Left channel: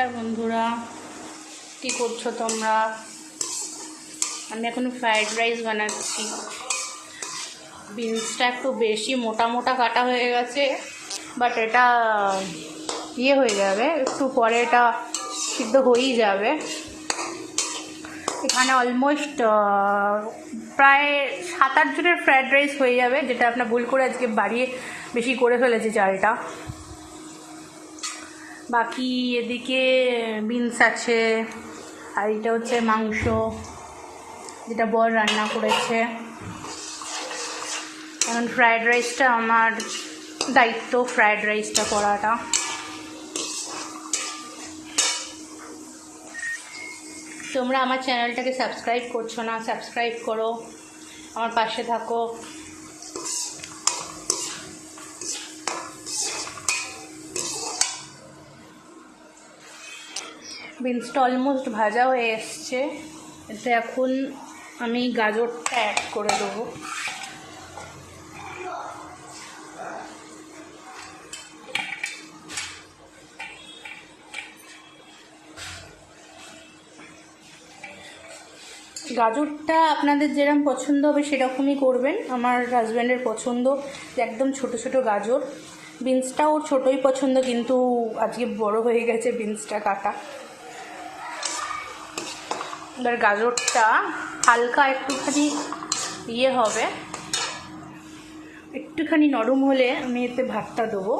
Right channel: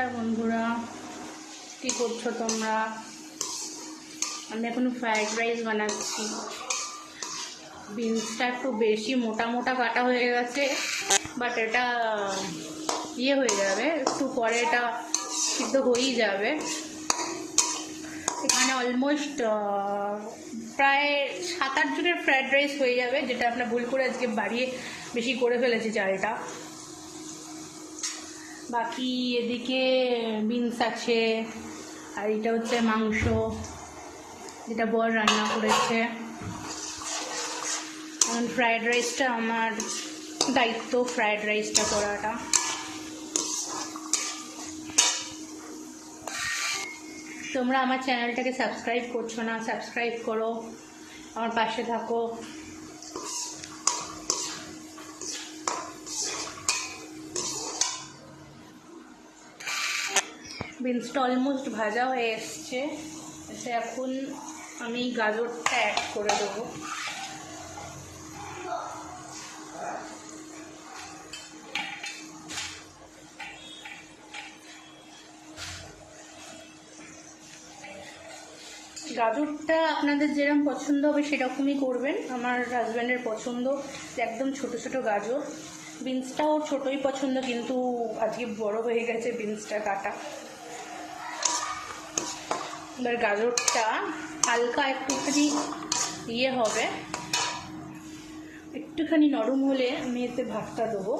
নমস্কার বন্ধুরা, কী করছো তোমরা? আমি এখন ফ্রাইড রাইস বানাচ্ছি। বিনসটা একটু বেশি মোটা মোটা কাটা হয়ে গেছে, বাট এটা হয়ে যাবে, একটু পরে এটা সিদ্ধ হয়েই যাবে। এখানে অলমোস্ট প্রায় 7-8 জনের ফ্রাইড রাইস হয়ে যাবে, যেটা আপনার ভুল করে আজকে বাড়িয়ে বেশি করে ফেলেছি চালটা। বাকি এদিকে বিনস আছে, আর এটা হচ্ছে মাংস যেটা বর রান্না করেছে। এখন ফ্রায়েড রাইসটা আমার দায়িত্ব, ফ্রায়েড রাইসটা করাটা। তোমরা আমার চ্যানেলটাকে সাবস্ক্রাইব করছো না, সাবস্ক্রাইব করো, আমার পাশে থাকো। বিনসটা অলমোস্ট ভাজা হয়ে এসছে, এটা এখন আমি গাজরটা অ্যাড করে দেবো। গাজরটা আপনাদের যেরকম পছন্দ হবে সেরকমই করবেন। আমার হাজব্যান্ডের পছন্দ একদম ছোট ছোট গাজর। বিনসটাও ছোটোই পছন্দ, কিন্তু আজকে বড় হয়ে গেছে বিনসটা কাটা। এবার গাজরটা হালকা একটুখানি হবে, একটুখানি নরম হলে আমি এতে ভাতটা দেবো।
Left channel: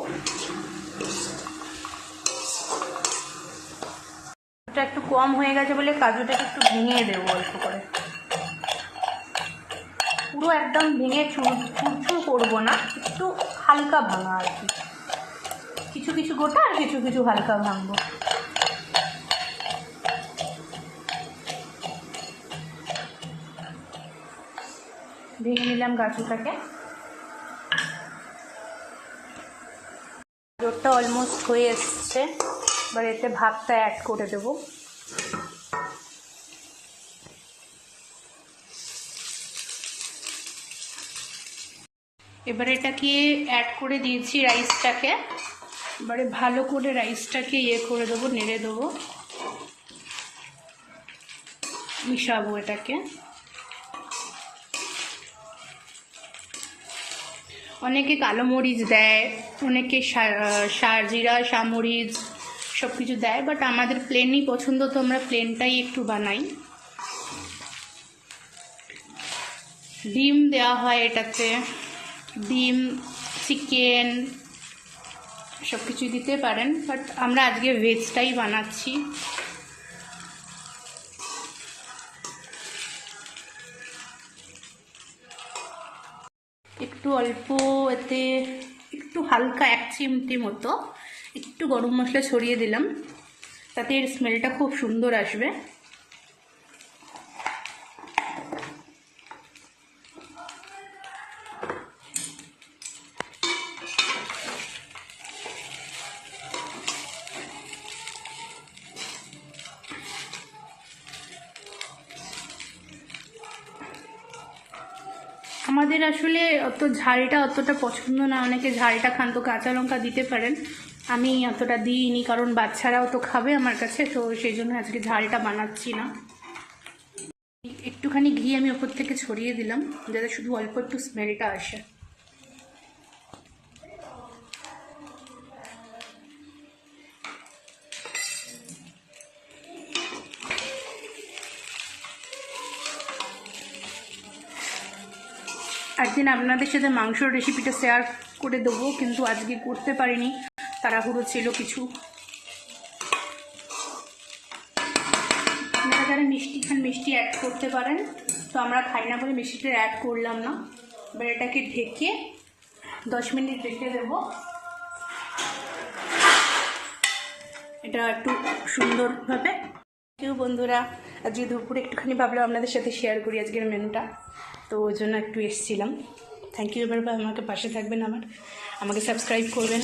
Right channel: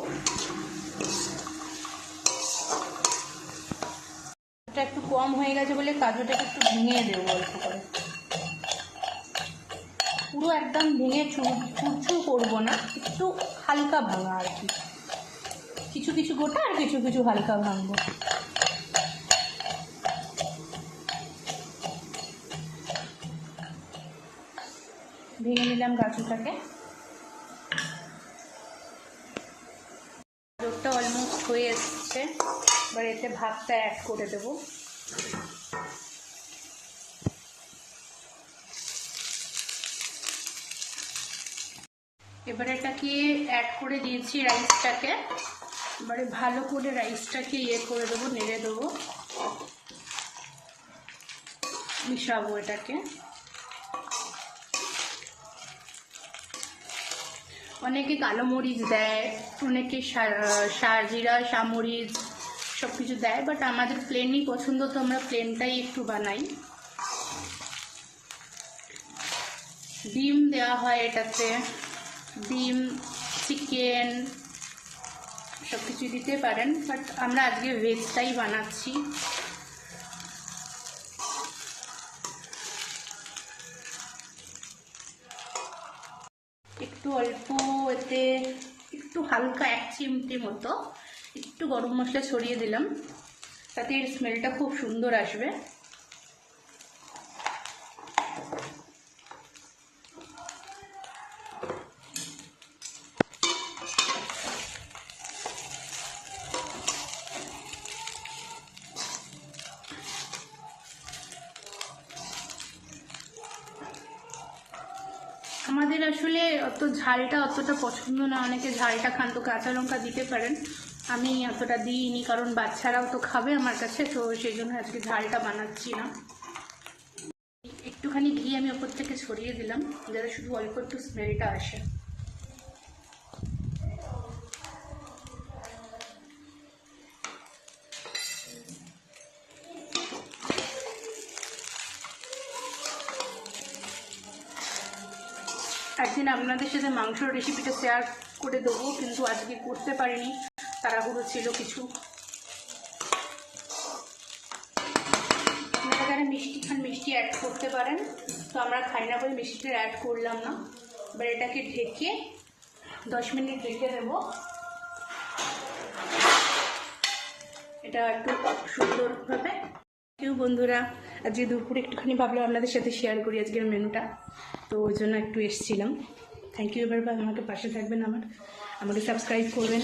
এটা একটু কম হয়ে গেছে বলে কাজুটাকে একটু ভেঙে দেবো অল্প করে। পুরো একদম ভেঙে চুরচুর করবো না, একটু হালকা ভাঙা আর কি, কিছু কিছু গোটা আর কিছু কিছু হালকা ভাঙবো। ভেঙে নিলাম গাজরটাকে। গাজরটা অলমোস্ট হয়ে এসছে, এবার এতে ভাতটা অ্যাড করে দেবো। এবারে এটাকে অ্যাড করে দিয়েছি রাইসটাকে। এবারে ভালো করে রাইসটাকে করে দেবো, নেড়ে দেবো, মিশাবো এটাকে। অনেকে কালো মরিচ দেয়, অনেকে জিরা সামরিচ সব কিছু দেয়, বাট আমাদের প্লেনই পছন্দ, তো আমরা প্লেনটাই একটু বানাই। ডিম দেওয়া হয় এটাতে, ডিম, চিকেন সব কিছু দিতে পারেন, বাট আমরা আজকে ভেজটাই বানাচ্ছি। একটু অল্প এতে একটু হালকা 1 চিমটি মতো একটু গরম মশলা ছড়িয়ে দিলাম, তাতে এর স্মেলটা খুব সুন্দর আসবে। আমাদের আসলে অত ঝালটা অতটা পছন্দ না, অনেকে ঝালটা খান, তো কাঁচা লঙ্কা দিতে পারেন। আমি অতটা দিইনি, কারণ বাচ্চারাও তো খাবে আমার কাছে, তো সেই জন্য আজকে ঝালটা বানাচ্ছি না। একটুখানি ঘি আমি ওপর থেকে ছড়িয়ে দিলাম, যাতে শুধু অল্প একটু স্মেলটা আসে। একদিন আপনাদের সাথে মাংসর রেসিপিটা শেয়ার করে দেবো, কিন্তু আজকে করতে পারিনি, তাড়াহুড়ো ছিল কিছু। আপনারা যারা মিষ্টি খান মিষ্টি অ্যাড করতে পারেন, তো আমরা খাই না বলে মিষ্টিটা অ্যাড করলাম না। এবার এটাকে ঢেকে 10 মিনিট রেখে দেবো, এটা একটু সুন্দরভাবে। কেউ বন্ধুরা, আজকে দুপুরে একটুখানি ভাবলাম আপনাদের সাথে শেয়ার করি আজকের মেনুটা, তো ওই জন্য একটু এসেছিলাম। Thank you. এবার আমাকে পাশে থাকবেন, আমাকে সাবস্ক্রাইব করবেন।